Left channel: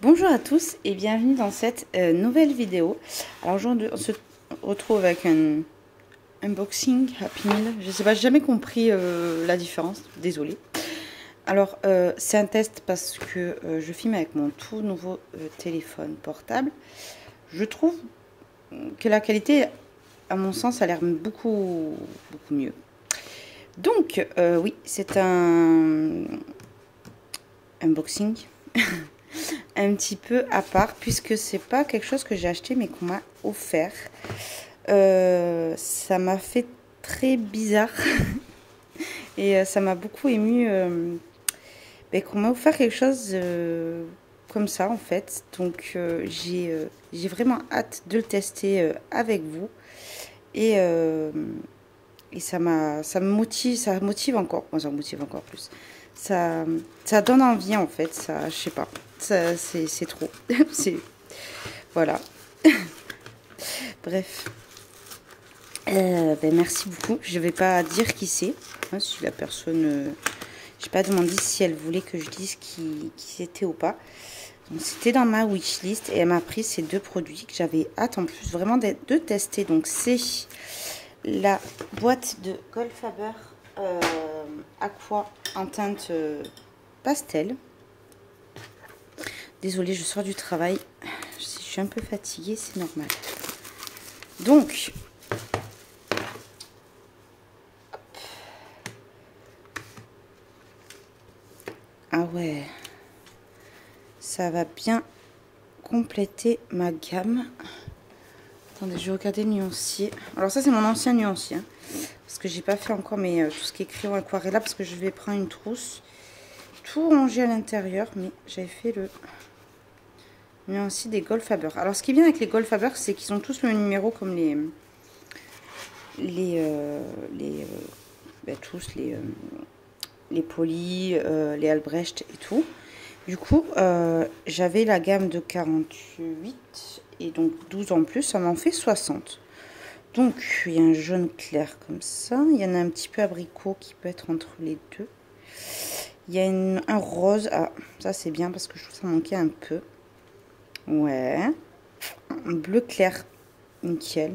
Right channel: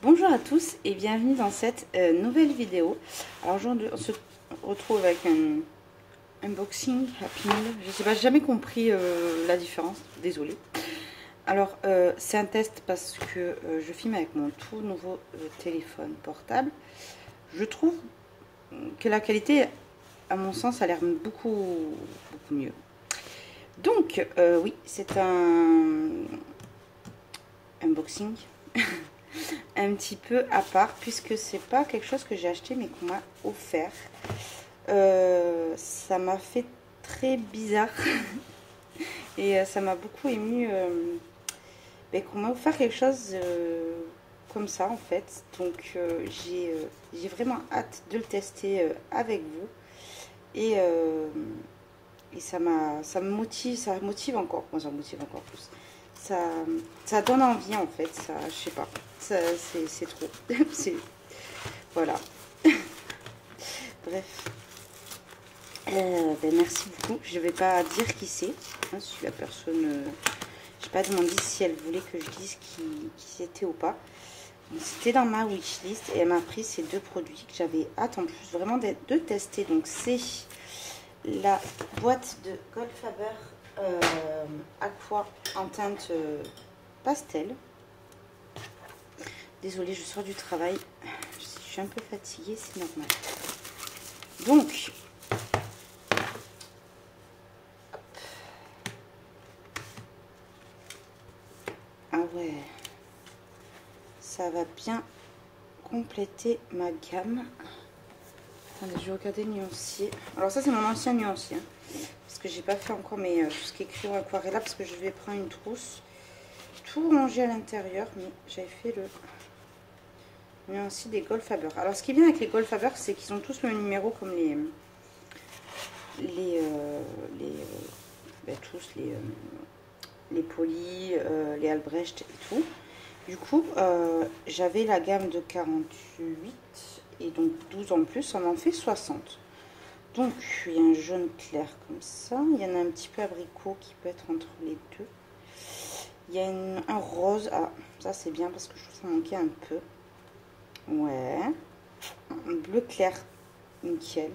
Bonjour à tous et bienvenue dans cette nouvelle vidéo. Alors aujourd'hui on se retrouve avec un unboxing Happy Meal. Je sais pas, j'ai jamais compris la différence, désolée. Alors c'est un test parce que je filme avec mon tout nouveau téléphone portable. Je trouve que la qualité, à mon sens, a l'air beaucoup mieux. Donc oui, c'est un unboxing un petit peu à part, puisque c'est pas quelque chose que j'ai acheté mais qu'on m'a offert. Ça m'a fait très bizarre et ça m'a beaucoup ému qu'on m'a offert quelque chose comme ça en fait. Donc j'ai vraiment hâte de le tester avec vous et ça me motive encore. Moi, ça me motive encore plus. Ça donne envie en fait. Ça, je sais pas. C'est trop. Voilà. Bref. Merci beaucoup. Je vais pas dire qui c'est. Hein, si la personne. J'ai pas demandé si elle voulait que je dise qui c'était ou pas. C'était dans ma wishlist et elle m'a pris ces deux produits que j'avais hâte en plus vraiment de tester. Donc c'est la boîte de Goldfaber Aqua en teinte pastel. Désolée, je sors du travail. Je suis un peu fatiguée, c'est normal. Donc, ah ouais, ça va bien compléter ma gamme. Attendez, je vais regarder le nuancier. Alors ça, c'est mon ancien nuancier. Hein, parce que j'ai pas fait encore tout ce qui est crayon aquarella. Parce que je vais prendre une trousse. Tout rangé à l'intérieur. Mais j'avais fait le nuancier des Goldfaber. Alors ce qui vient avec les Goldfaber, c'est qu'ils ont tous le même numéro comme les Poly, les Albrecht et tout. Du coup, j'avais la gamme de 48 et donc 12 en plus, ça m'en fait 60. Donc, il y a un jaune clair comme ça. Il y en a un petit peu abricot qui peut être entre les deux. Il y a un rose. Ah, ça c'est bien parce que je trouve que ça manquait un peu. Ouais. Un bleu clair, nickel.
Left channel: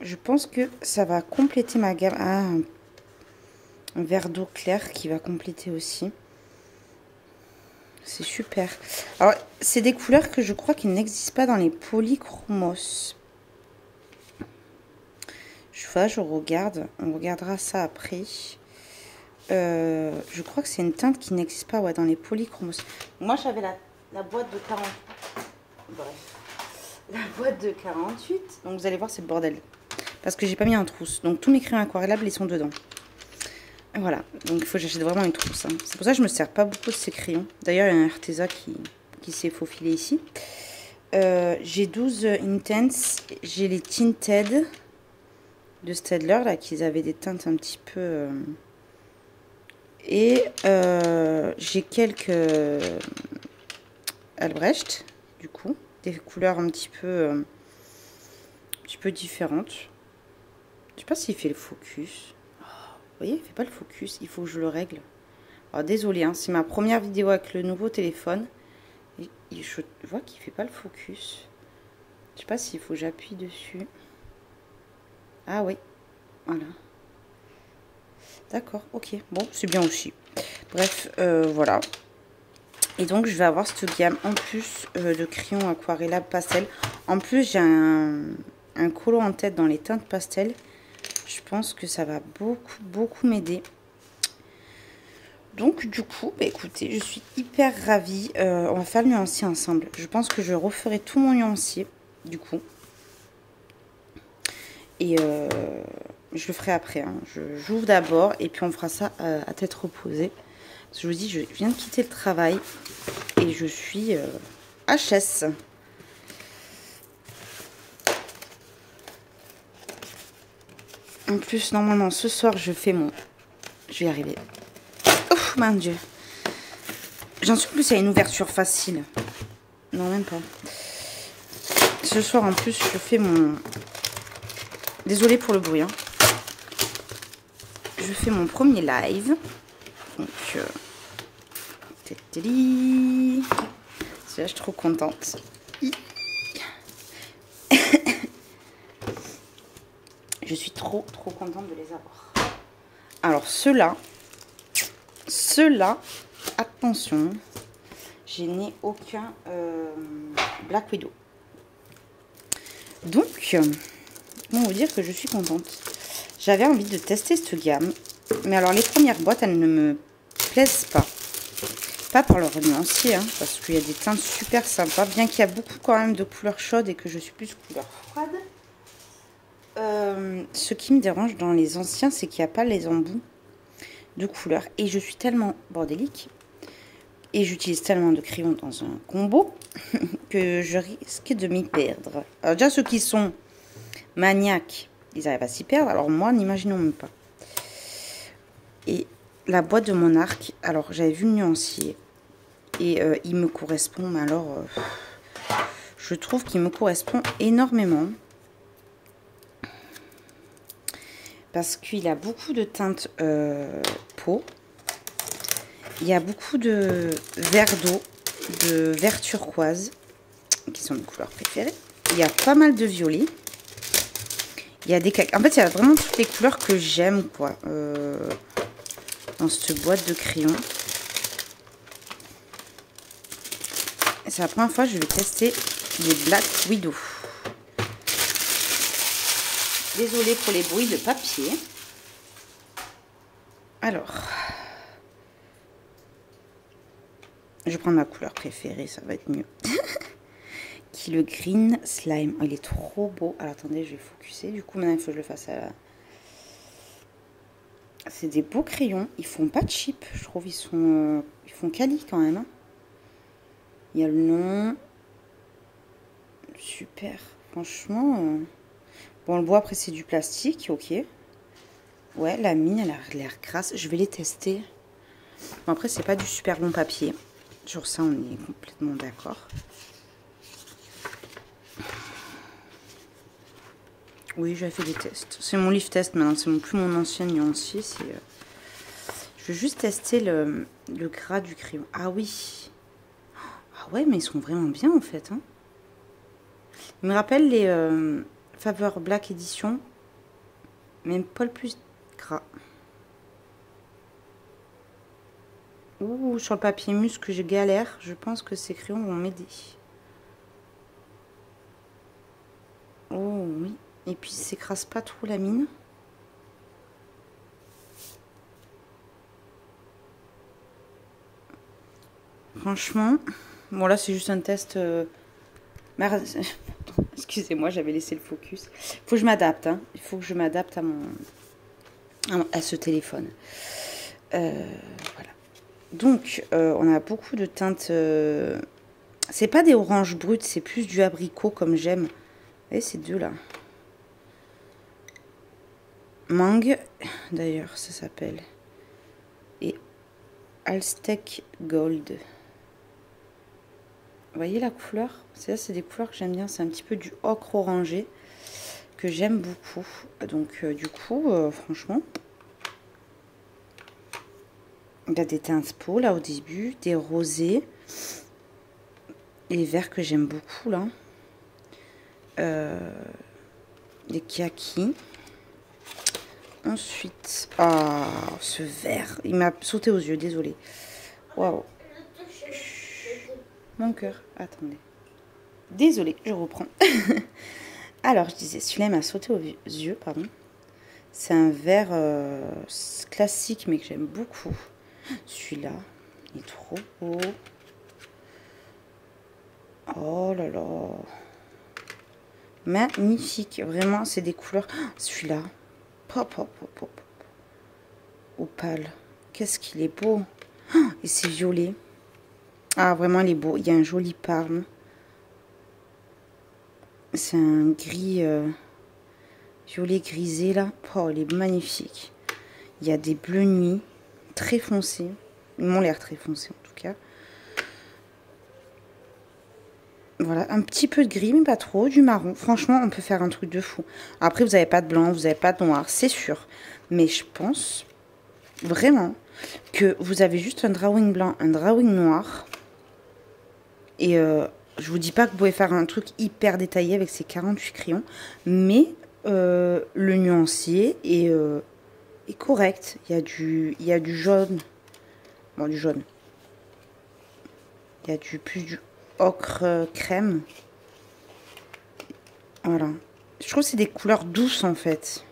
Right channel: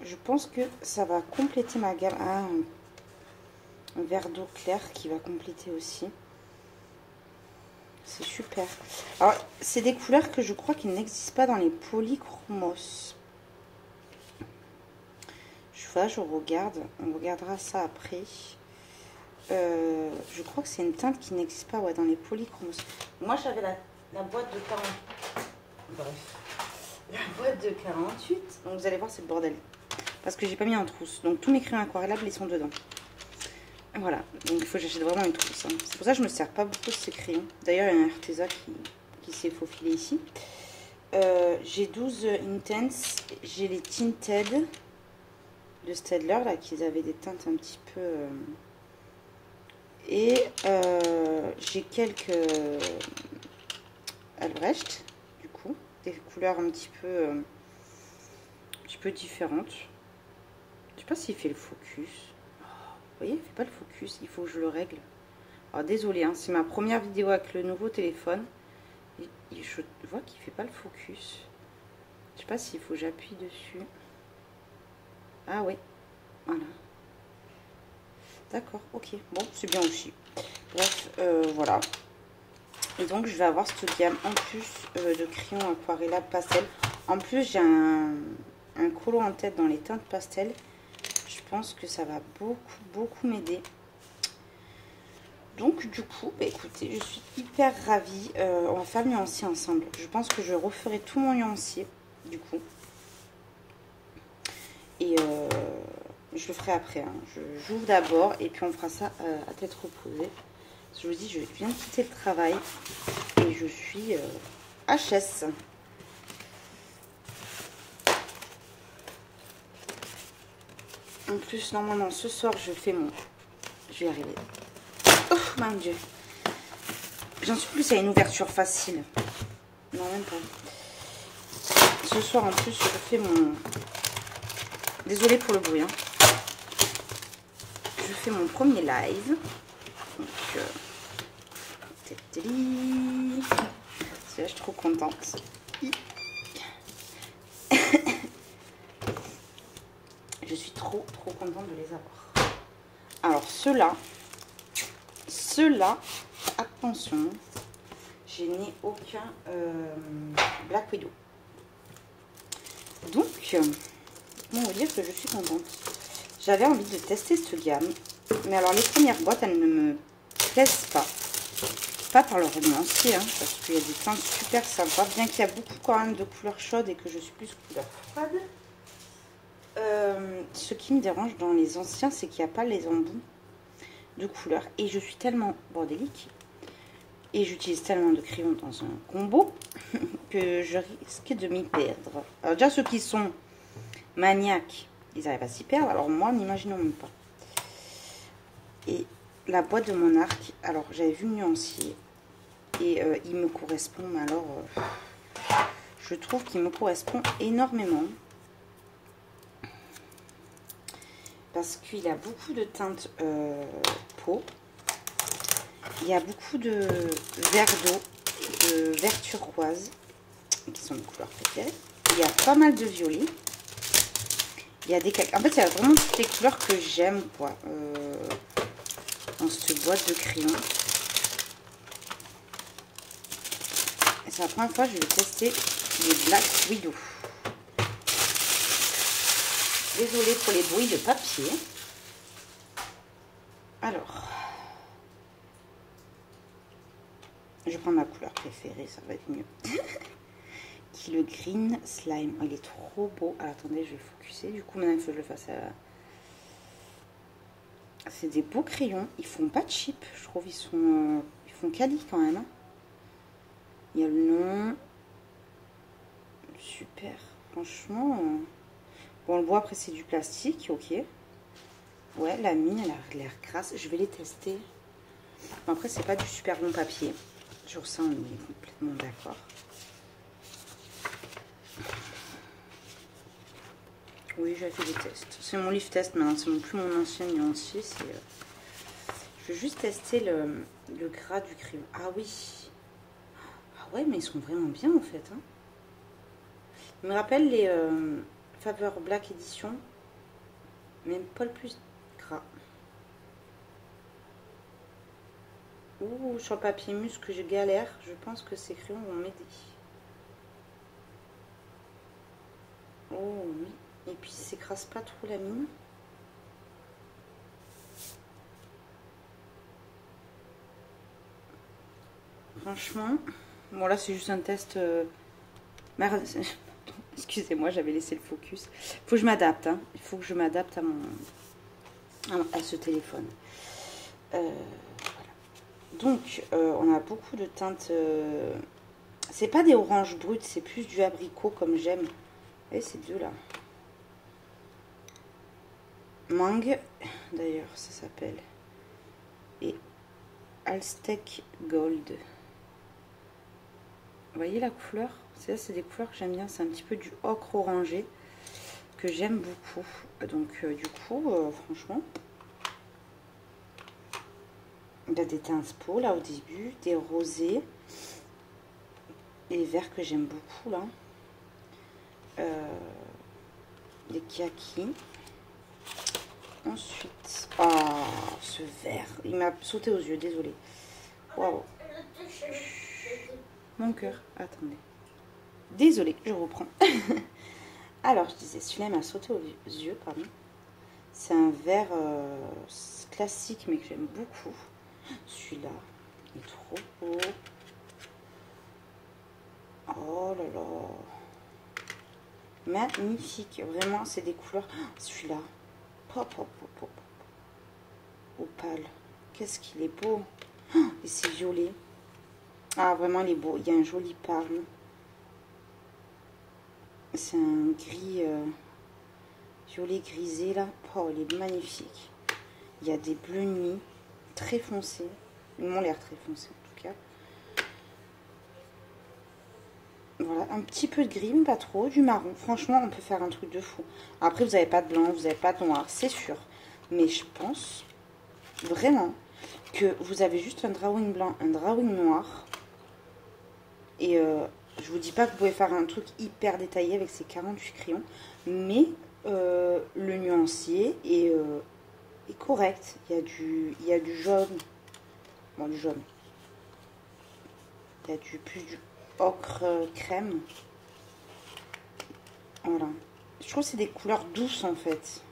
Je pense que ça va compléter ma gamme. Ah, un vert d'eau clair qui va compléter aussi. C'est super. Alors, c'est des couleurs que je crois qu'il n'existe pas dans les polychromos. Je regarde. On regardera ça après. Je crois que c'est une teinte qui n'existe pas dans les polychromos. Moi, j'avais la boîte de 40. Bref. La boîte de 48. Donc, vous allez voir, c'est le bordel. Parce que j'ai pas mis en trousse. Donc, tous mes crayons aquarellables, ils sont dedans. Voilà, donc il faut que j'achète vraiment une trousse. Hein. C'est pour ça que je me sers pas beaucoup de ces crayons. D'ailleurs, il y a un Arteza qui s'est faufilé ici. J'ai 12 Intense. J'ai les Tinted de Staedtler, là, qui avaient des teintes un petit peu... Et j'ai quelques Albrecht, du coup. Des couleurs un petit peu différentes. Je sais pas s'il fait le focus. Vous voyez, il ne fait pas le focus, il faut que je le règle. Alors désolé, hein, c'est ma première vidéo avec le nouveau téléphone. Et je vois qu'il ne fait pas le focus. Je sais pas s'il faut que j'appuie dessus. Ah oui, voilà. D'accord, ok. Bon, c'est bien aussi. Bref, voilà. Et donc, je vais avoir cette gamme en plus de crayons aquarella pastel. En plus, j'ai un collant en tête dans les teintes pastel. Je pense que ça va beaucoup m'aider. Donc du coup, écoutez, je suis hyper ravie. On va faire le nuancier ensemble. Je pense que je referai tout mon nuancier, du coup. Et je le ferai après. Hein. J'ouvre d'abord et puis on fera ça à tête reposée. Parce que je vous dis, je viens de quitter le travail et je suis HS. En plus, normalement, ce soir, je fais mon... Je vais y arriver. Ouf, mon Dieu. J'en suis plus, il y a une ouverture facile. Non, même pas. Ce soir, en plus, je fais mon... Désolée pour le bruit. Hein. Je fais mon premier live. Donc, Je suis trop contente. Je suis trop contente de les avoir. Alors ceux-là, attention, je n'ai aucun Black Widow. Donc, on va dire que je suis contente. J'avais envie de tester cette gamme. Mais alors, les premières boîtes, elles ne me plaisent pas. Pas pour leur nuancier, hein, parce qu'il y a des teintes super sympas. Bien qu'il y a beaucoup quand même de couleurs chaudes et que je suis plus couleur froide. Ce qui me dérange dans les anciens, c'est qu'il n'y a pas les embouts de couleurs. Et je suis tellement bordélique. Et j'utilise tellement de crayons dans un combo que je risque de m'y perdre. Alors déjà, ceux qui sont maniaques, ils arrivent à s'y perdre. Alors moi, n'imaginons même pas. Et la boîte de mon arc, alors j'avais vu le nuancier. Et il me correspond, mais alors, je trouve qu'il me correspond énormément. Parce qu'il a beaucoup de teintes peau. Il y a beaucoup de vert d'eau, de vert turquoise, qui sont mes couleurs préférées. Il y a pas mal de violet. Il y a des... En fait, il y a vraiment toutes les couleurs que j'aime, quoi, dans cette boîte de crayons. Et c'est la première fois que je vais tester les Black Widow. Désolée pour les bruits de papier. Alors... je vais prendre ma couleur préférée, ça va être mieux. Qui est le Green Slime. Oh, il est trop beau. Alors attendez, je vais focuser. Du coup, maintenant, il faut que je le fasse à la... C'est des beaux crayons. Ils font pas cheap, je trouve. Ils font quali quand même. Hein. Il y a le nom. Super. Franchement. Bon, le bois, après, c'est du plastique. Ok. Ouais, la mine, elle a l'air grasse. Je vais les tester. Bon, après, c'est pas du super long papier. Sur ça, on est complètement d'accord. Oui, j'avais fait des tests. C'est mon livre test maintenant. C'est plus mon ancien nuancier. Je vais juste tester le gras du crayon. Ah oui. Ah ouais, mais ils sont vraiment bien en fait. Hein. Ils me rappellent les Faber Black Edition. Même pas le plus gras. Ouh, sur le papier mousse que je galère, je pense que ces crayons vont m'aider. Oh oui. Et puis, ça s'écrase pas trop la mine. Franchement, bon là c'est juste un test. Excusez-moi, j'avais laissé le focus. Il faut que je m'adapte. Hein. Il faut que je m'adapte à ce téléphone. Voilà. Donc, on a beaucoup de teintes. C'est pas des oranges brutes, c'est plus du abricot comme j'aime. Et ces deux là. Mangue, d'ailleurs, ça s'appelle. Et Aztec Gold. Vous voyez la couleur? C'est des couleurs que j'aime bien. C'est un petit peu du ocre orangé que j'aime beaucoup. Donc, du coup, franchement, il y a des teintes peau là au début, des rosés, les verts que j'aime beaucoup là, des kakis. Ensuite, ah, ce vert, il m'a sauté aux yeux, désolé. Waouh. Mon cœur, attendez. Désolée, je reprends. Alors, je disais, celui-là m'a sauté aux yeux, pardon. C'est un vert classique, mais que j'aime beaucoup. Celui-là, il est trop beau. Oh là là. Magnifique. Vraiment, c'est des couleurs. Celui-là. Pop, pop, pop, pop. Opale. Qu'est-ce qu'il est beau. Et c'est violet. Ah, vraiment, il est beau. Il y a un joli parme. C'est un gris violet grisé, là. Oh, il est magnifique. Il y a des bleus nuit très foncés. Ils m'ont l'air très foncés, en tout cas. Voilà, un petit peu de gris, mais pas trop, du marron. Franchement, on peut faire un truc de fou. Après, vous n'avez pas de blanc, vous n'avez pas de noir, c'est sûr. Mais je pense vraiment que vous avez juste un drawing blanc, un drawing noir. Et je vous dis pas que vous pouvez faire un truc hyper détaillé avec ces 48 crayons, mais le nuancier est correct. Il y a du jaune. Bon, du jaune. Il y a plus du ocre crème. Voilà. Je trouve que c'est des couleurs douces en fait.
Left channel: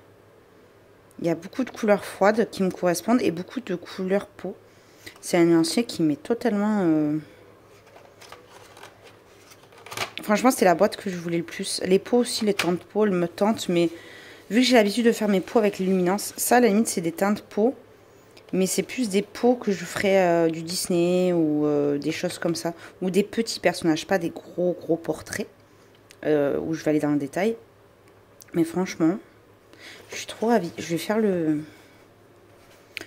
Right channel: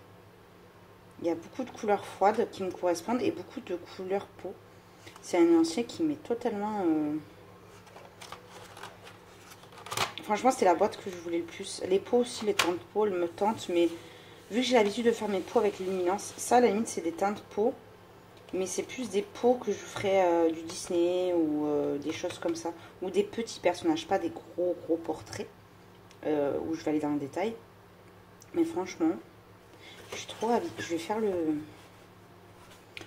Il y a beaucoup de couleurs froides qui me correspondent et beaucoup de couleurs peau. C'est un nuancier qui m'est totalement... Franchement, c'est la boîte que je voulais le plus. Les peaux aussi, les teintes de peau, elles me tentent. Mais vu que j'ai l'habitude de faire mes peaux avec les luminances, ça, à la limite, c'est des teintes de peau. Mais c'est plus des peaux que je ferais du Disney ou des choses comme ça. Ou des petits personnages, pas des gros portraits. Où je vais aller dans le détail. Mais franchement, je suis trop ravie. Je vais faire le...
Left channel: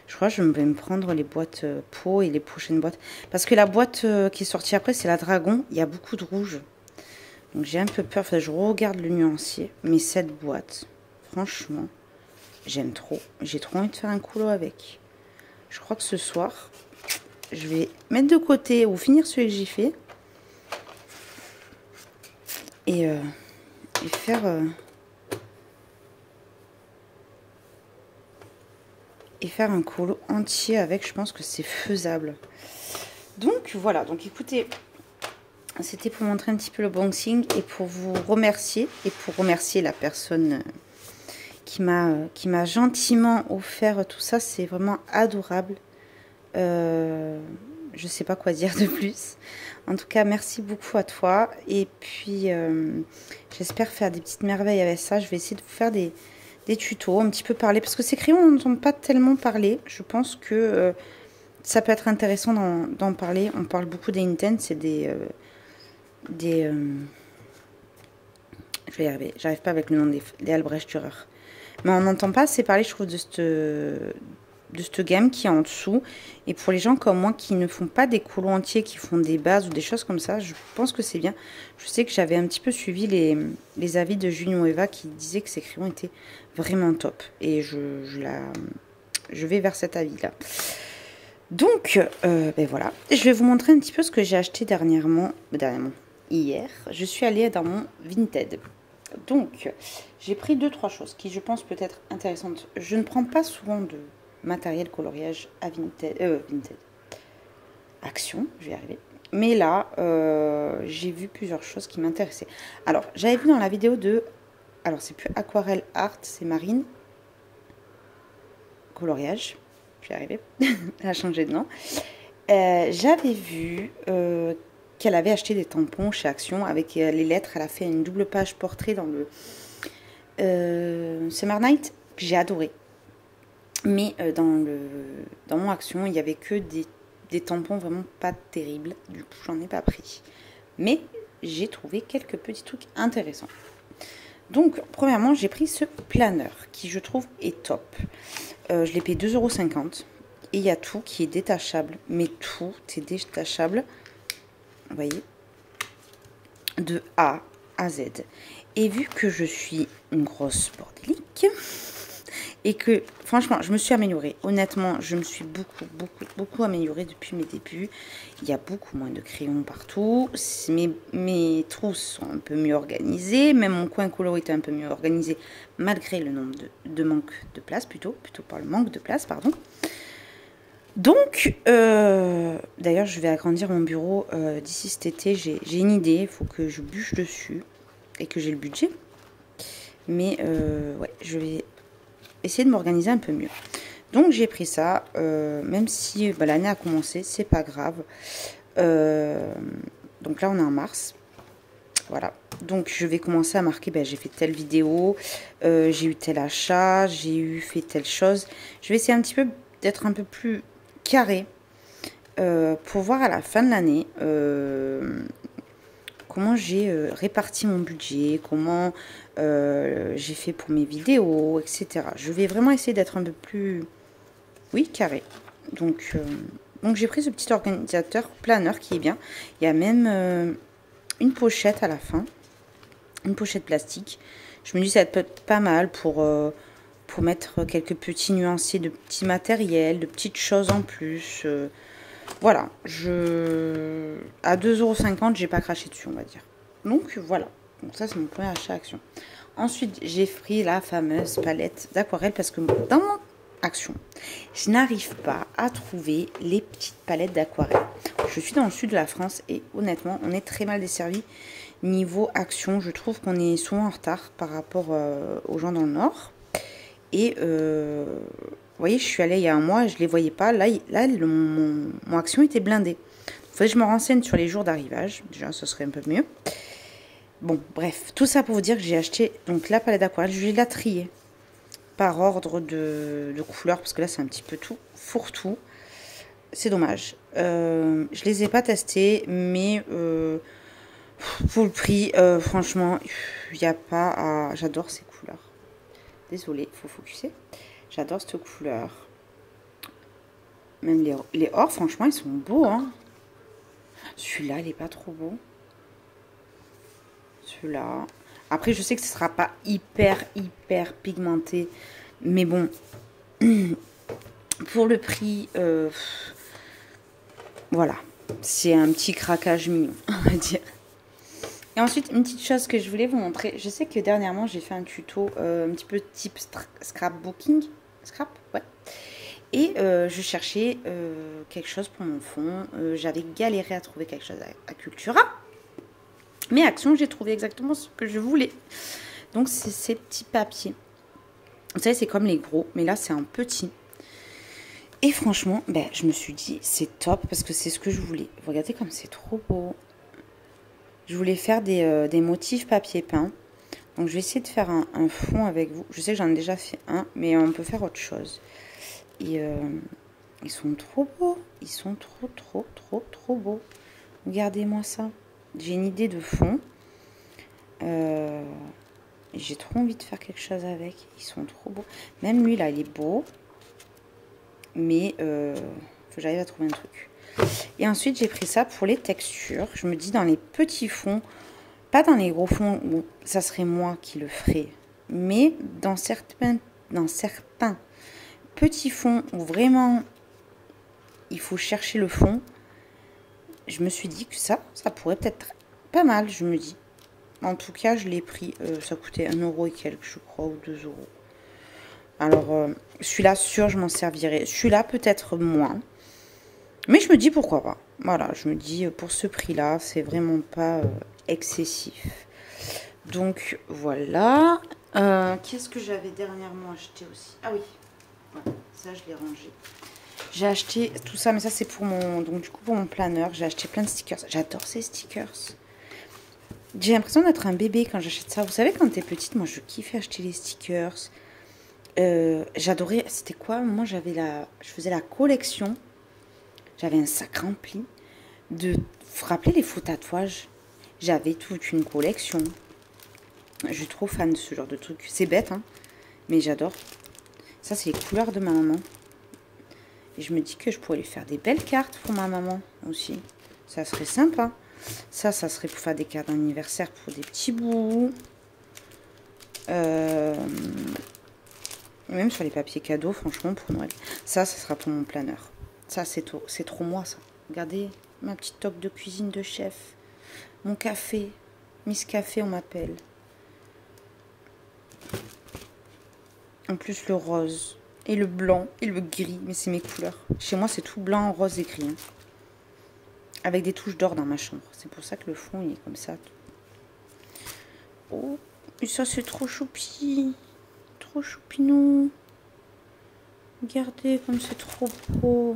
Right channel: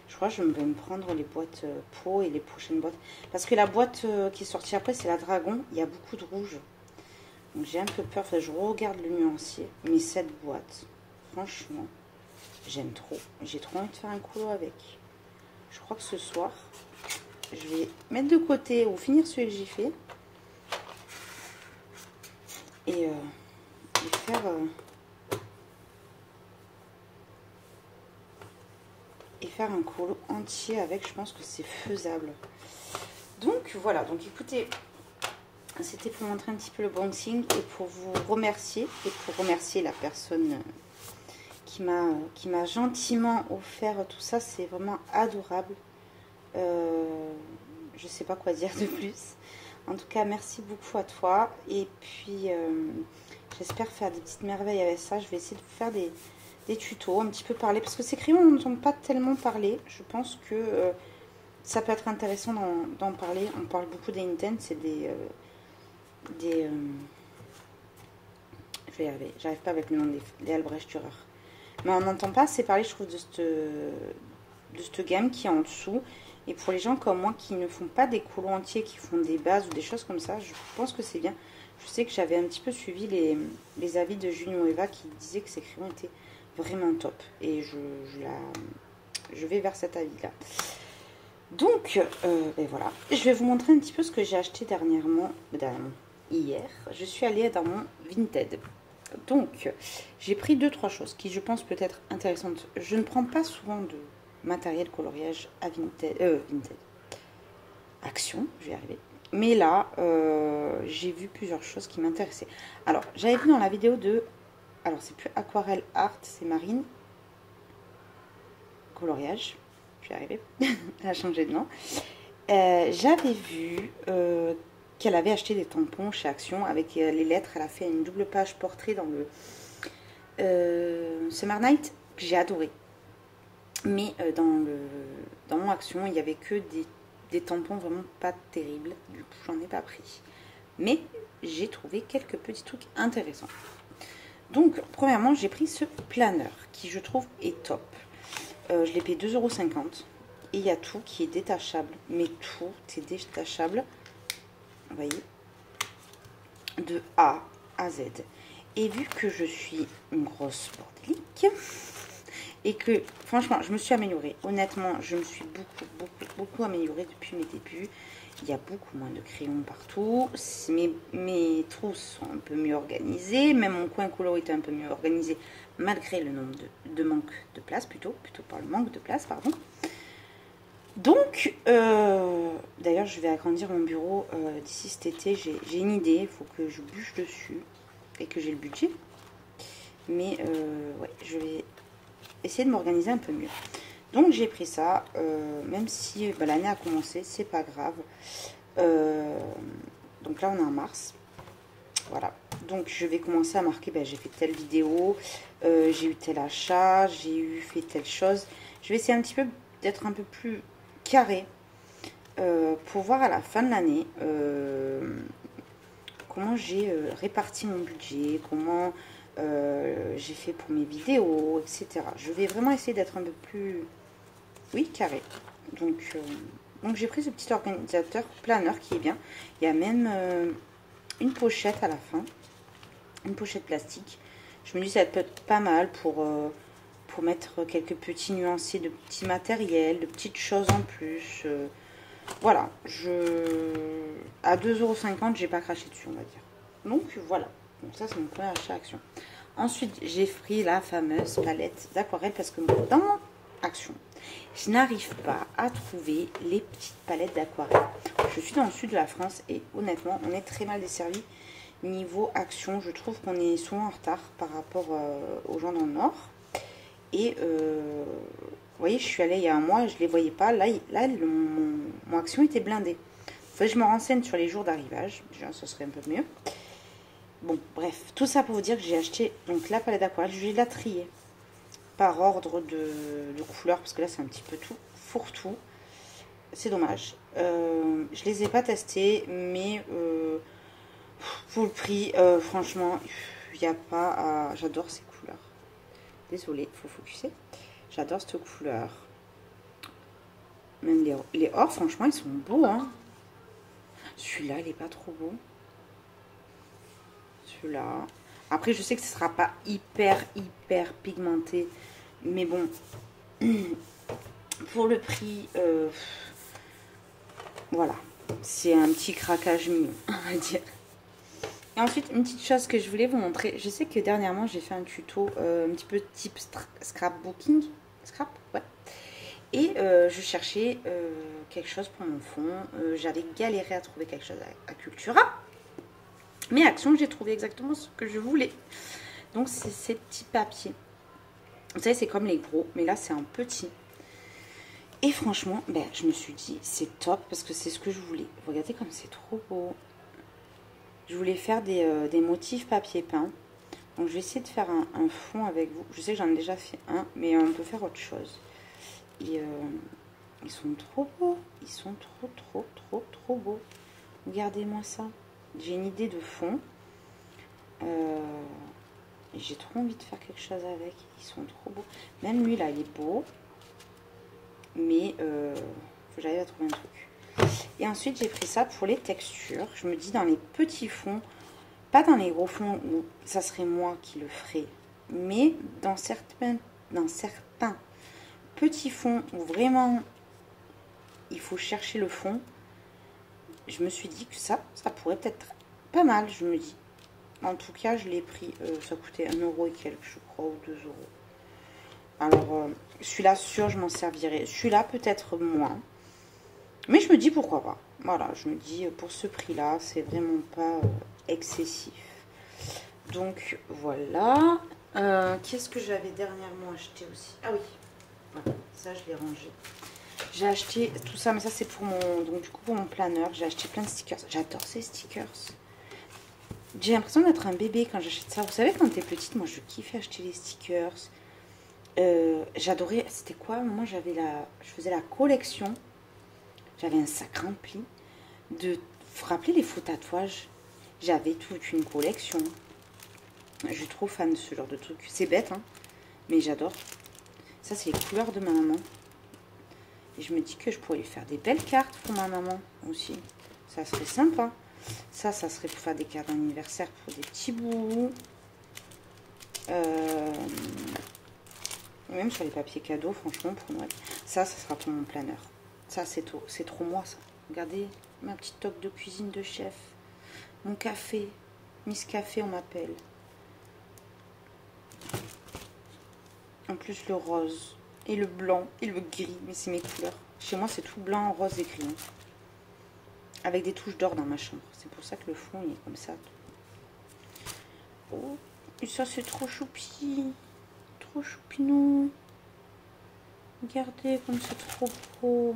Je crois que je vais me prendre les boîtes peau et les prochaines boîtes. Parce que la boîte qui est sortie après, c'est la Dragon. Il y a beaucoup de rouge. Donc j'ai un peu peur. Enfin, je regarde le nuancier. Mais cette boîte, franchement, j'aime trop. J'ai trop envie de faire un coulo avec. Je crois que ce soir, je vais mettre de côté ou finir celui que j'ai fait. Et faire... et faire un colo entier avec, je pense que c'est faisable. Donc voilà, donc écoutez, c'était pour montrer un petit peu le unboxing et pour vous remercier et pour remercier la personne qui m'a gentiment offert tout ça. C'est vraiment adorable. Je sais pas quoi dire de plus. En tout cas, merci beaucoup à toi. Et puis, j'espère faire des petites merveilles avec ça. Je vais essayer de vous faire des tutos, un petit peu parler. Parce que ces crayons, on n'entend pas tellement parler. Je pense que ça peut être intéressant d'en parler. On parle beaucoup des Intense. C'est je vais y arriver. J'arrive pas avec le nom des Albrecht Dürer. Mais on n'entend pas assez parler, je trouve, de cette gamme qui est en dessous. Et pour les gens comme moi qui ne font pas des colos entiers, qui font des bases ou des choses comme ça, je pense que c'est bien. Je sais que j'avais un petit peu suivi les avis de Junio Eva qui disaient que ces crayons étaient vraiment top. Et je vais vers cet avis-là. Donc, ben voilà. Je vais vous montrer un petit peu ce que j'ai acheté hier. Je suis allée dans mon Vinted. Donc, j'ai pris 2-3 choses qui, je pense, peut être intéressantes. Je ne prends pas souvent de matériel coloriage à Vinted. Action, je vais y arriver. Mais là, j'ai vu plusieurs choses qui m'intéressaient. Alors, j'avais vu dans la vidéo de... Alors, c'est plus Aquarelle Art, c'est Marine. Coloriage. Je vais y arriver. Elle a changé de nom. J'avais vu qu'elle avait acheté des tampons chez Action avec les lettres. Elle a fait une double page portrait dans le Summer Night que j'ai adoré. Mais dans mon Action, il n'y avait que des tampons vraiment pas terribles. Du coup, j'en ai pas pris. Mais j'ai trouvé quelques petits trucs intéressants. Donc, premièrement, j'ai pris ce planeur qui, je trouve, est top. Je l'ai payé 2,50 €. Et il y a tout qui est détachable. Mais tout est détachable. Vous voyez, de A à Z. Et vu que je suis une grosse bordélique et que franchement je me suis améliorée, honnêtement je me suis beaucoup améliorée depuis mes débuts. Il y a beaucoup moins de crayons partout, mes trousses sont un peu mieux organisées, même mon coin colo est un peu mieux organisé malgré le nombre de manque de place, plutôt par le manque de place, pardon. Donc, d'ailleurs, je vais agrandir mon bureau d'ici cet été. J'ai une idée, il faut que je bûche dessus et que j'ai le budget. Mais, ouais, je vais essayer de m'organiser un peu mieux. Donc, j'ai pris ça, même si l'année a commencé, c'est pas grave. Donc là, on est en mars. Voilà. Donc, je vais commencer à marquer, j'ai fait telle vidéo, j'ai eu tel achat, j'ai fait telle chose. Je vais essayer un petit peu d'être un peu plus carré pour voir à la fin de l'année comment j'ai réparti mon budget, comment j'ai fait pour mes vidéos, etc. Je vais vraiment essayer d'être un peu plus, oui, carré. Donc j'ai pris ce petit organisateur planeur qui est bien. Il y a même une pochette à la fin, une pochette plastique. Je me dis ça peut être pas mal pour mettre quelques petits nuanciers de petits matériels, de petites choses en plus. Voilà, à 2,50 €, j'ai pas craché dessus, on va dire. Donc voilà, donc ça c'est mon premier achat Action. Ensuite, j'ai pris la fameuse palette d'aquarelle parce que dans mon Action, je n'arrive pas à trouver les petites palettes d'aquarelle. Je suis dans le sud de la France et honnêtement, on est très mal desservi niveau Action. Je trouve qu'on est souvent en retard par rapport aux gens dans le nord. Et vous voyez, je suis allée il y a un mois, je ne les voyais pas. Là mon Action était blindé. Il faudrait que je me renseigne sur les jours d'arrivage. Déjà, ce serait un peu mieux. Bon, bref, tout ça pour vous dire que j'ai acheté donc la palette d'aquarelle. Je vais la trier par ordre de couleur parce que là, c'est un petit peu tout, fourre-tout. C'est dommage. Je les ai pas testés, mais pour le prix, franchement, il n'y a pas à... J'adore ces couleurs. Désolée, il faut focuser. J'adore cette couleur. Même les or, franchement, ils sont beaux. Hein. Celui-là, il n'est pas trop beau. Celui-là. Après, je sais que ce ne sera pas hyper pigmenté. Mais bon, pour le prix, voilà. C'est un petit craquage mignon, on va dire. Et ensuite, une petite chose que je voulais vous montrer. Je sais que dernièrement, j'ai fait un tuto un petit peu type scrapbooking. Scrap, ouais. Et je cherchais quelque chose pour mon fond. J'avais galéré à trouver quelque chose à Cultura. Mais Action, j'ai trouvé exactement ce que je voulais. Donc, c'est ces petits papiers. Vous savez, c'est comme les gros. Mais là, c'est un petit. Et franchement, ben, je me suis dit, c'est top parce que c'est ce que je voulais. Regardez comme c'est trop beau. Je voulais faire des motifs papier peint. Donc, je vais essayer de faire un fond avec vous. Je sais que j'en ai déjà fait un, mais on peut faire autre chose. Et ils sont trop beaux. Ils sont trop beaux. Regardez-moi ça. J'ai une idée de fond. J'ai trop envie de faire quelque chose avec. Ils sont trop beaux. Même lui, là, il est beau. Mais faut que j'arrive à trouver un truc. Et ensuite, j'ai pris ça pour les textures. Je me dis dans les petits fonds, pas dans les gros fonds où ça serait moi qui le ferais, mais dans certains petits fonds où vraiment il faut chercher le fond, je me suis dit que ça pourrait peut-être pas mal, je me dis. En tout cas, je l'ai pris, ça coûtait 1 € et quelques, je crois, ou 2 €. Alors, celui-là, sûr, je m'en servirai. Celui-là, peut-être moins. Mais je me dis pourquoi pas. Voilà, je me dis pour ce prix-là, c'est vraiment pas excessif. Donc, voilà. Qu'est-ce que j'avais dernièrement acheté aussi? Ah oui, voilà, ça, je l'ai rangé. J'ai acheté tout ça, mais ça, c'est pour mon... Donc, du coup, pour mon planeur, j'ai acheté plein de stickers. J'adore ces stickers. J'ai l'impression d'être un bébé quand j'achète ça. Vous savez, quand t'es petite, moi, je kiffais acheter les stickers. J'adorais... C'était quoi? Moi, je faisais la collection. J'avais un sac rempli de... Vous vous rappelez les faux tatouages? J'avais toute une collection. Je suis trop fan de ce genre de truc. C'est bête, hein, mais j'adore. Ça, c'est les couleurs de ma maman. Et je me dis que je pourrais lui faire des belles cartes pour ma maman aussi. Ça serait sympa. Ça serait pour faire des cartes d'anniversaire pour des petits bouts. Même sur les papiers cadeaux, franchement, pour Noël. Ça sera pour mon planeur. Ça, c'est trop moi, ça. Regardez, ma petite toque de cuisine de chef. Mon café. Miss Café, on m'appelle. En plus, le rose. Et le blanc. Et le gris. Mais c'est mes couleurs. Chez moi, c'est tout blanc, rose et gris. Hein. Avec des touches d'or dans ma chambre. C'est pour ça que le fond, il est comme ça. Oh, et ça, c'est trop choupi. Trop choupinou. Regardez comme c'est trop beau.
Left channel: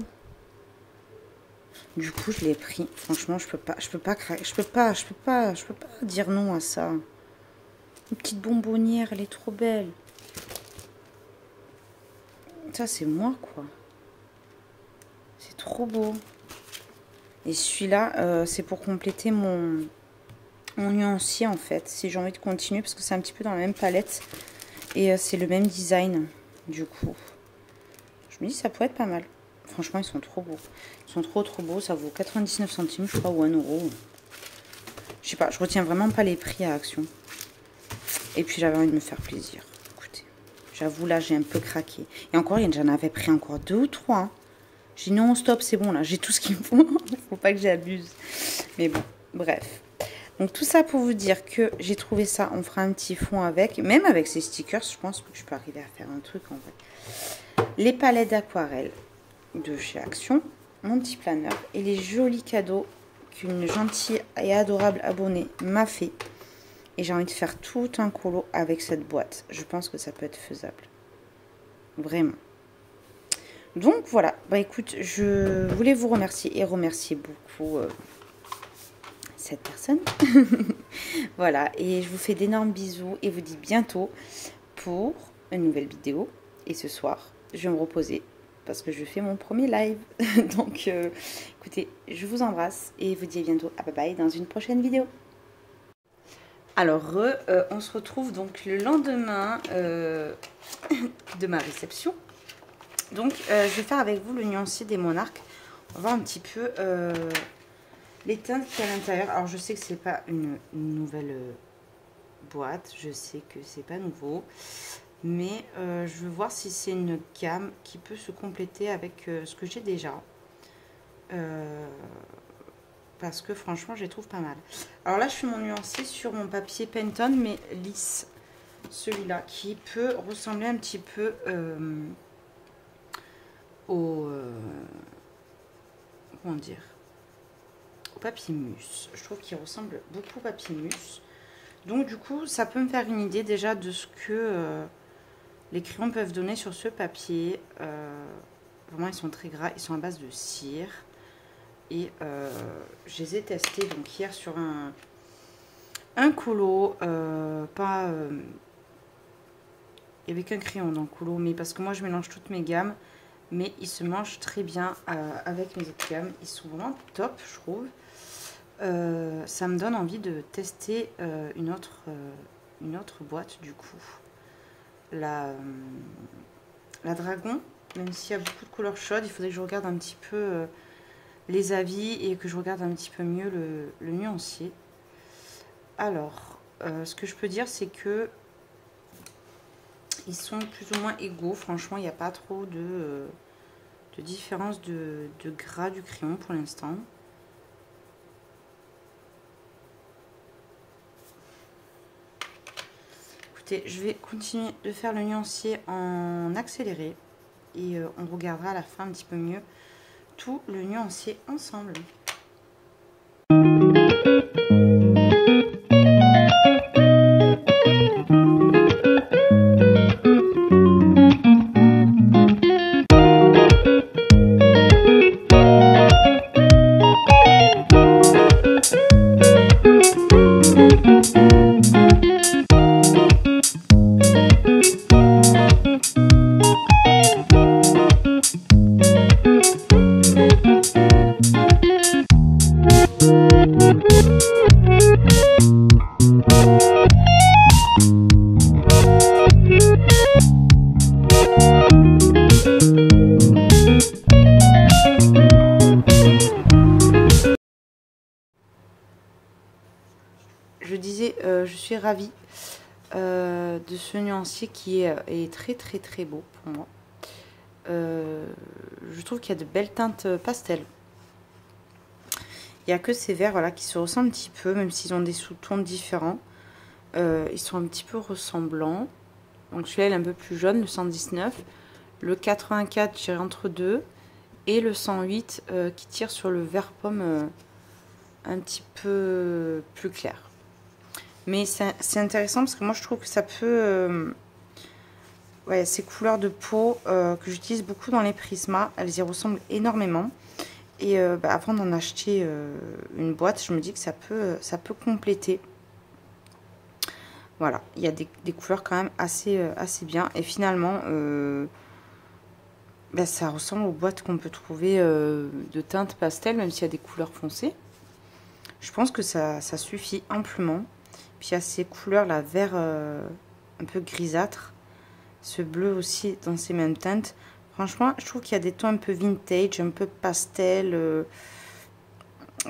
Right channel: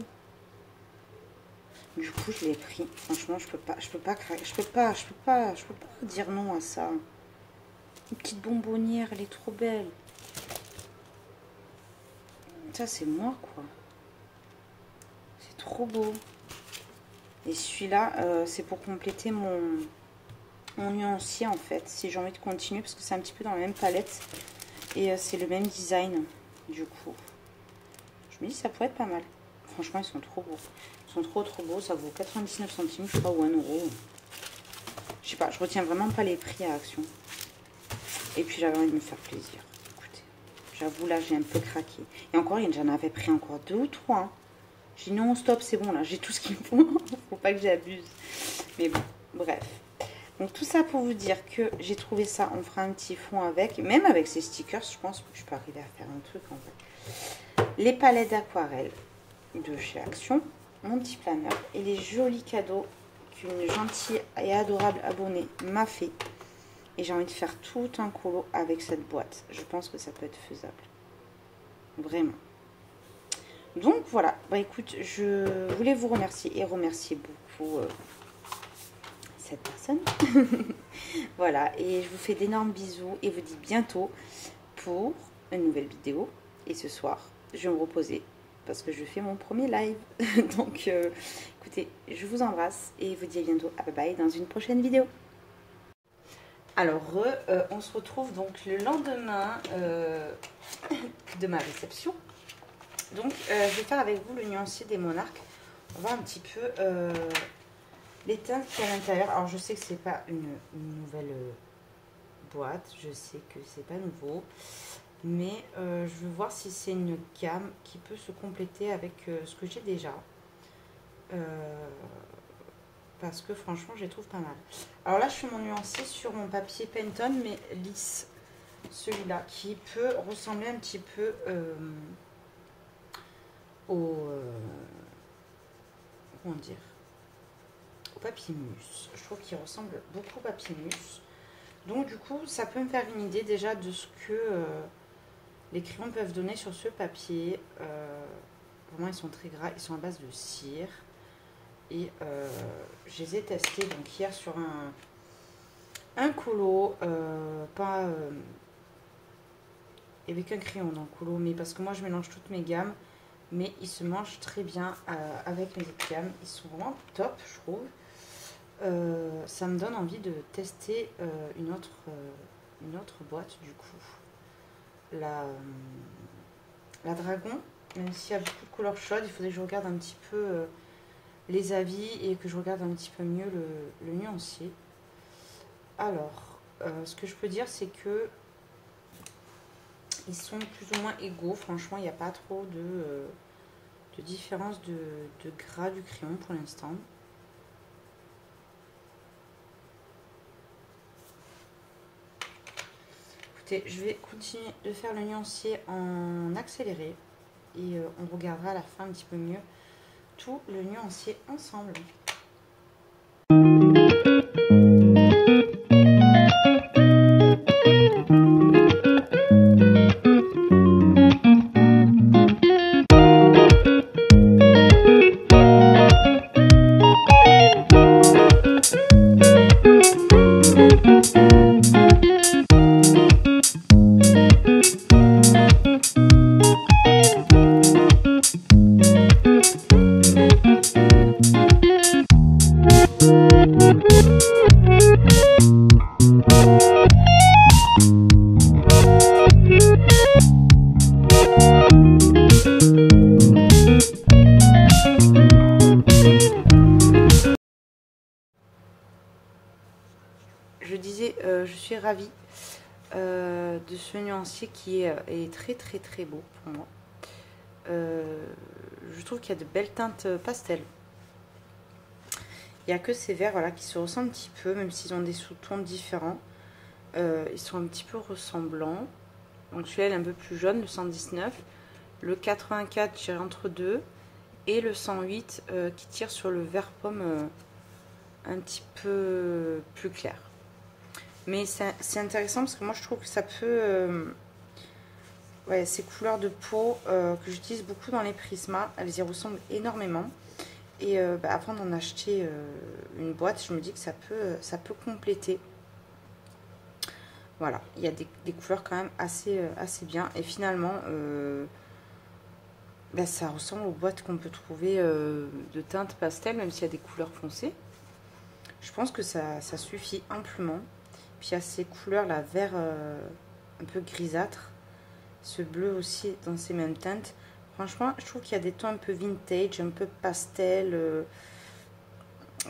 Du coup, je l'ai pris. Franchement, je peux pas dire non à ça. Une petite bonbonnière, elle est trop belle. Ça, c'est moi, quoi. C'est trop beau. Et celui-là, c'est pour compléter mon nuancier, en fait. Si j'ai envie de continuer, parce que c'est un petit peu dans la même palette. Et c'est le même design, du coup. Je me dis, ça pourrait être pas mal. Franchement, ils sont trop beaux. Ils sont trop beaux. Ça vaut 99 centimes, je crois, ou 1 €. Je sais pas, je retiens vraiment pas les prix à Action. Et puis, j'avais envie de me faire plaisir. Écoutez, j'avoue, là, j'ai un peu craqué. Et encore, j'en avais pris encore 2 ou 3. Hein. J'ai non, stop, c'est bon, là, j'ai tout ce qu'il me faut. Faut pas que j'abuse. Mais bon, bref. Donc, tout ça pour vous dire que j'ai trouvé ça. On fera un petit fond avec. Même avec ces stickers, je pense que je peux arriver à faire un truc, en fait. Les palettes d'aquarelle de chez Action. Mon petit planeur. Et les jolis cadeaux qu'une gentille et adorable abonnée m'a fait. Et j'ai envie de faire tout un colo avec cette boîte. Je pense que ça peut être faisable. Vraiment. Donc voilà, bah écoute, je voulais vous remercier et remercier beaucoup cette personne. Voilà, et je vous fais d'énormes bisous et vous dis bientôt pour une nouvelle vidéo. Et ce soir, je vais me reposer parce que je fais mon premier live. Donc écoutez, je vous embrasse et vous dis à bientôt. À bye bye dans une prochaine vidéo. Alors, on se retrouve donc le lendemain de ma réception. Donc, je vais faire avec vous le nuancier des monarques. On va voir un petit peu les teintes qu'il y a à l'intérieur. Alors, je sais que c'est pas une nouvelle boîte. Je sais que c'est pas nouveau. Mais je veux voir si c'est une gamme qui peut se compléter avec ce que j'ai déjà. Parce que franchement, je les trouve pas mal. Alors là, je fais mon nuancier sur mon papier Pantone, mais lisse. Celui-là, qui peut ressembler un petit peu au comment dire, au papier mousse. Je trouve qu'il ressemble beaucoup au papier mousse. Donc du coup, ça peut me faire une idée déjà de ce que les crayons peuvent donner sur ce papier. Vraiment, ils sont très gras, ils sont à base de cire. Et je les ai testés donc hier sur un colo, pas avec un crayon dans le colo, mais parce que moi je mélange toutes mes gammes, mais ils se mangent très bien avec mes autres gammes. Ils sont vraiment top, je trouve. Ça me donne envie de tester une autre boîte du coup. La Dragon, même s'il y a beaucoup de couleurs chaudes, il faudrait que je regarde un petit peu les avis et que je regarde un petit peu mieux le nuancier. Alors, ce que je peux dire, c'est que ils sont plus ou moins égaux. Franchement, il n'y a pas trop de différence de gras du crayon pour l'instant. Écoutez, je vais continuer de faire le nuancier en accéléré et on regardera à la fin un petit peu mieux tout le nuancier ensemble. Je disais, je suis ravie de ce nuancier qui est très très très beau pour moi. Je trouve qu'il y a de belles teintes pastel. Il n'y a que ces verts voilà, qui se ressemblent un petit peu, même s'ils ont des sous-tons différents. Ils sont un petit peu ressemblants. Donc celui-là est un peu plus jaune, le 119. Le 84, j'irai entre deux. Et le 108 qui tire sur le vert pomme un petit peu plus clair. Mais c'est intéressant parce que moi je trouve que ça peut... ouais, ces couleurs de peau que j'utilise beaucoup dans les prismas, elles y ressemblent énormément. Et avant d'en acheter une boîte, je me dis que ça peut compléter. Voilà, il y a des couleurs quand même assez bien. Et finalement, ça ressemble aux boîtes qu'on peut trouver de teintes pastel, même s'il y a des couleurs foncées. Je pense que ça suffit amplement. Puis il y a ces couleurs, là, vert un peu grisâtre. Ce bleu aussi dans ces mêmes teintes. Franchement, je trouve qu'il y a des tons un peu vintage, un peu pastel.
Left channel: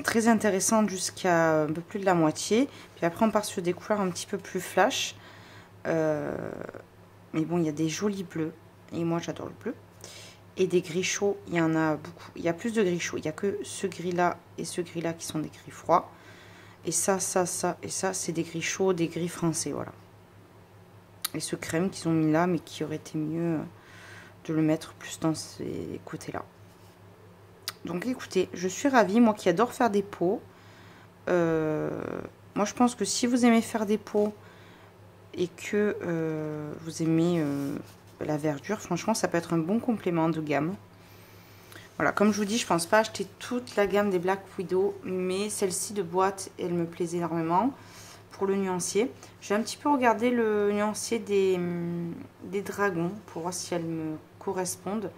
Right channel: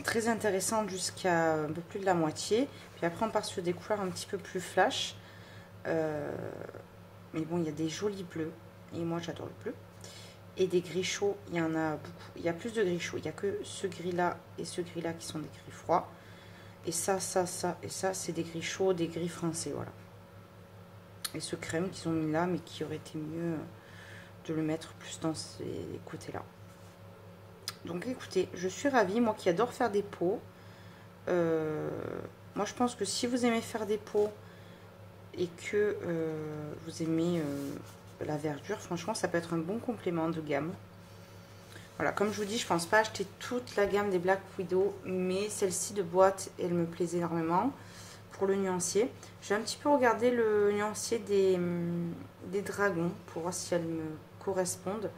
Très intéressant jusqu'à un peu plus de la moitié. Puis après, on part sur des couleurs un petit peu plus flash. Mais bon, il y a des jolis bleus. Et moi, j'adore le bleu. Et des gris chauds, il y en a beaucoup. Il y a plus de gris chauds. Il n'y a que ce gris-là et ce gris-là qui sont des gris froids. Et ça, ça, ça et ça, c'est des gris chauds, des gris français, voilà. Et ce crème qu'ils ont mis là, mais qui aurait été mieux de le mettre plus dans ces côtés-là. Donc écoutez, je suis ravie, moi qui adore faire des pots. Moi je pense que si vous aimez faire des pots et que vous aimez la verdure, franchement ça peut être un bon complément de gamme. Voilà, comme je vous dis, je pense pas acheter toute la gamme des Black Widow, mais celle-ci de boîte, elle me plaisait énormément. Pour le nuancier, j'ai un petit peu regardé le nuancier des dragons pour voir si elles me correspondent.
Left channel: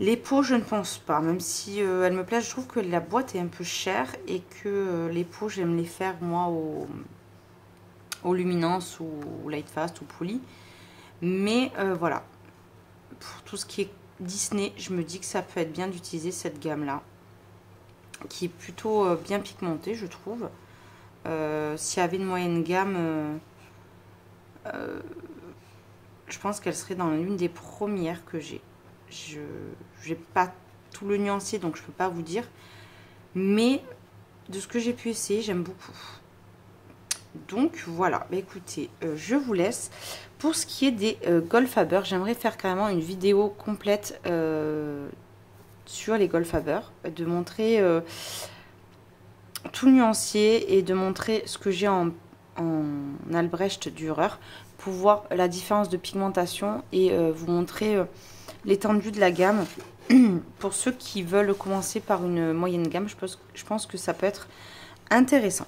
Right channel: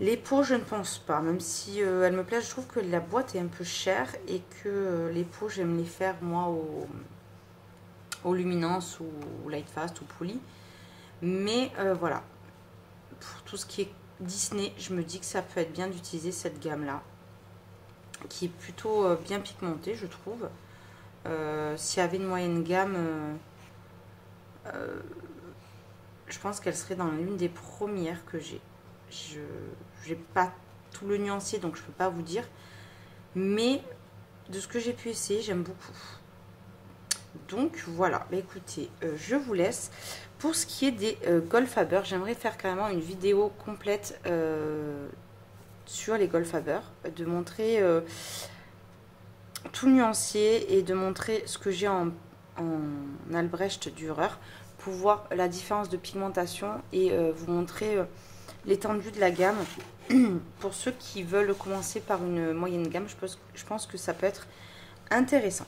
Les pots, je ne pense pas, même si elles me plaisent. Je trouve que la boîte est un peu chère et que les pots, j'aime les faire moi au Luminance ou Lightfast ou Pouli. Mais voilà, pour tout ce qui est Disney, je me dis que ça peut être bien d'utiliser cette gamme-là, qui est plutôt bien pigmentée, je trouve. S'il y avait une moyenne gamme, je pense qu'elle serait dans l'une des premières que j'ai. Je n'ai pas tout le nuancier, donc je ne peux pas vous dire. Mais de ce que j'ai pu essayer, j'aime beaucoup. Donc voilà, bah, écoutez, je vous laisse. Pour ce qui est des Goldfaber, j'aimerais faire carrément une vidéo complète sur les Goldfaber, de montrer tout le nuancier et de montrer ce que j'ai en Albrecht Dürer pour voir la différence de pigmentation et vous montrer l'étendue de la gamme. Pour ceux qui veulent commencer par une moyenne gamme, je pense que ça peut être intéressant.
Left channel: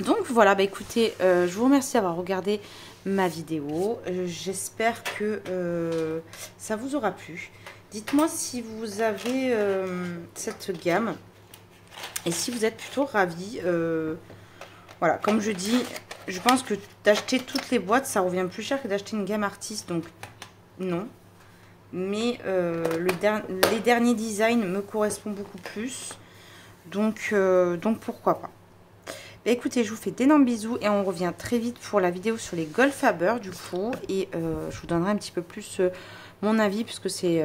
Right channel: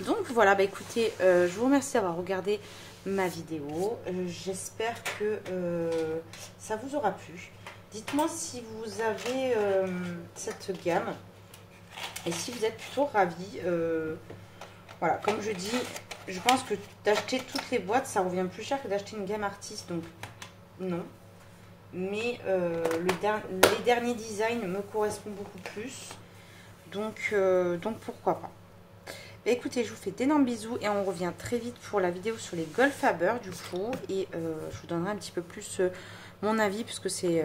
Donc voilà, bah écoutez, je vous remercie d'avoir regardé ma vidéo. J'espère que ça vous aura plu. Dites-moi si vous avez cette gamme et si vous êtes plutôt ravis. Voilà, comme je dis, je pense que d'acheter toutes les boîtes, ça revient plus cher que d'acheter une gamme artiste. Donc non. Mais les derniers designs me correspondent beaucoup plus. Donc pourquoi pas. Écoutez, je vous fais d'énormes bisous et on revient très vite pour la vidéo sur les Goldfaber du coup. Et je vous donnerai un petit peu plus mon avis puisque c'est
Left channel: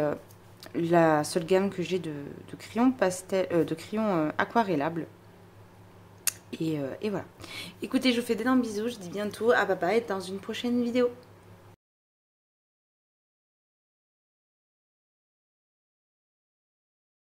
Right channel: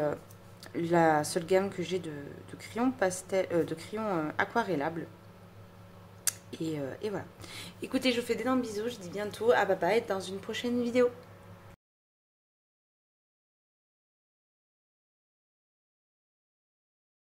la seule gamme que j'ai de crayons pastel, de crayons aquarellables. Et voilà. Écoutez, je vous fais d'énormes bisous. Je dis bientôt à bye bye dans une prochaine vidéo.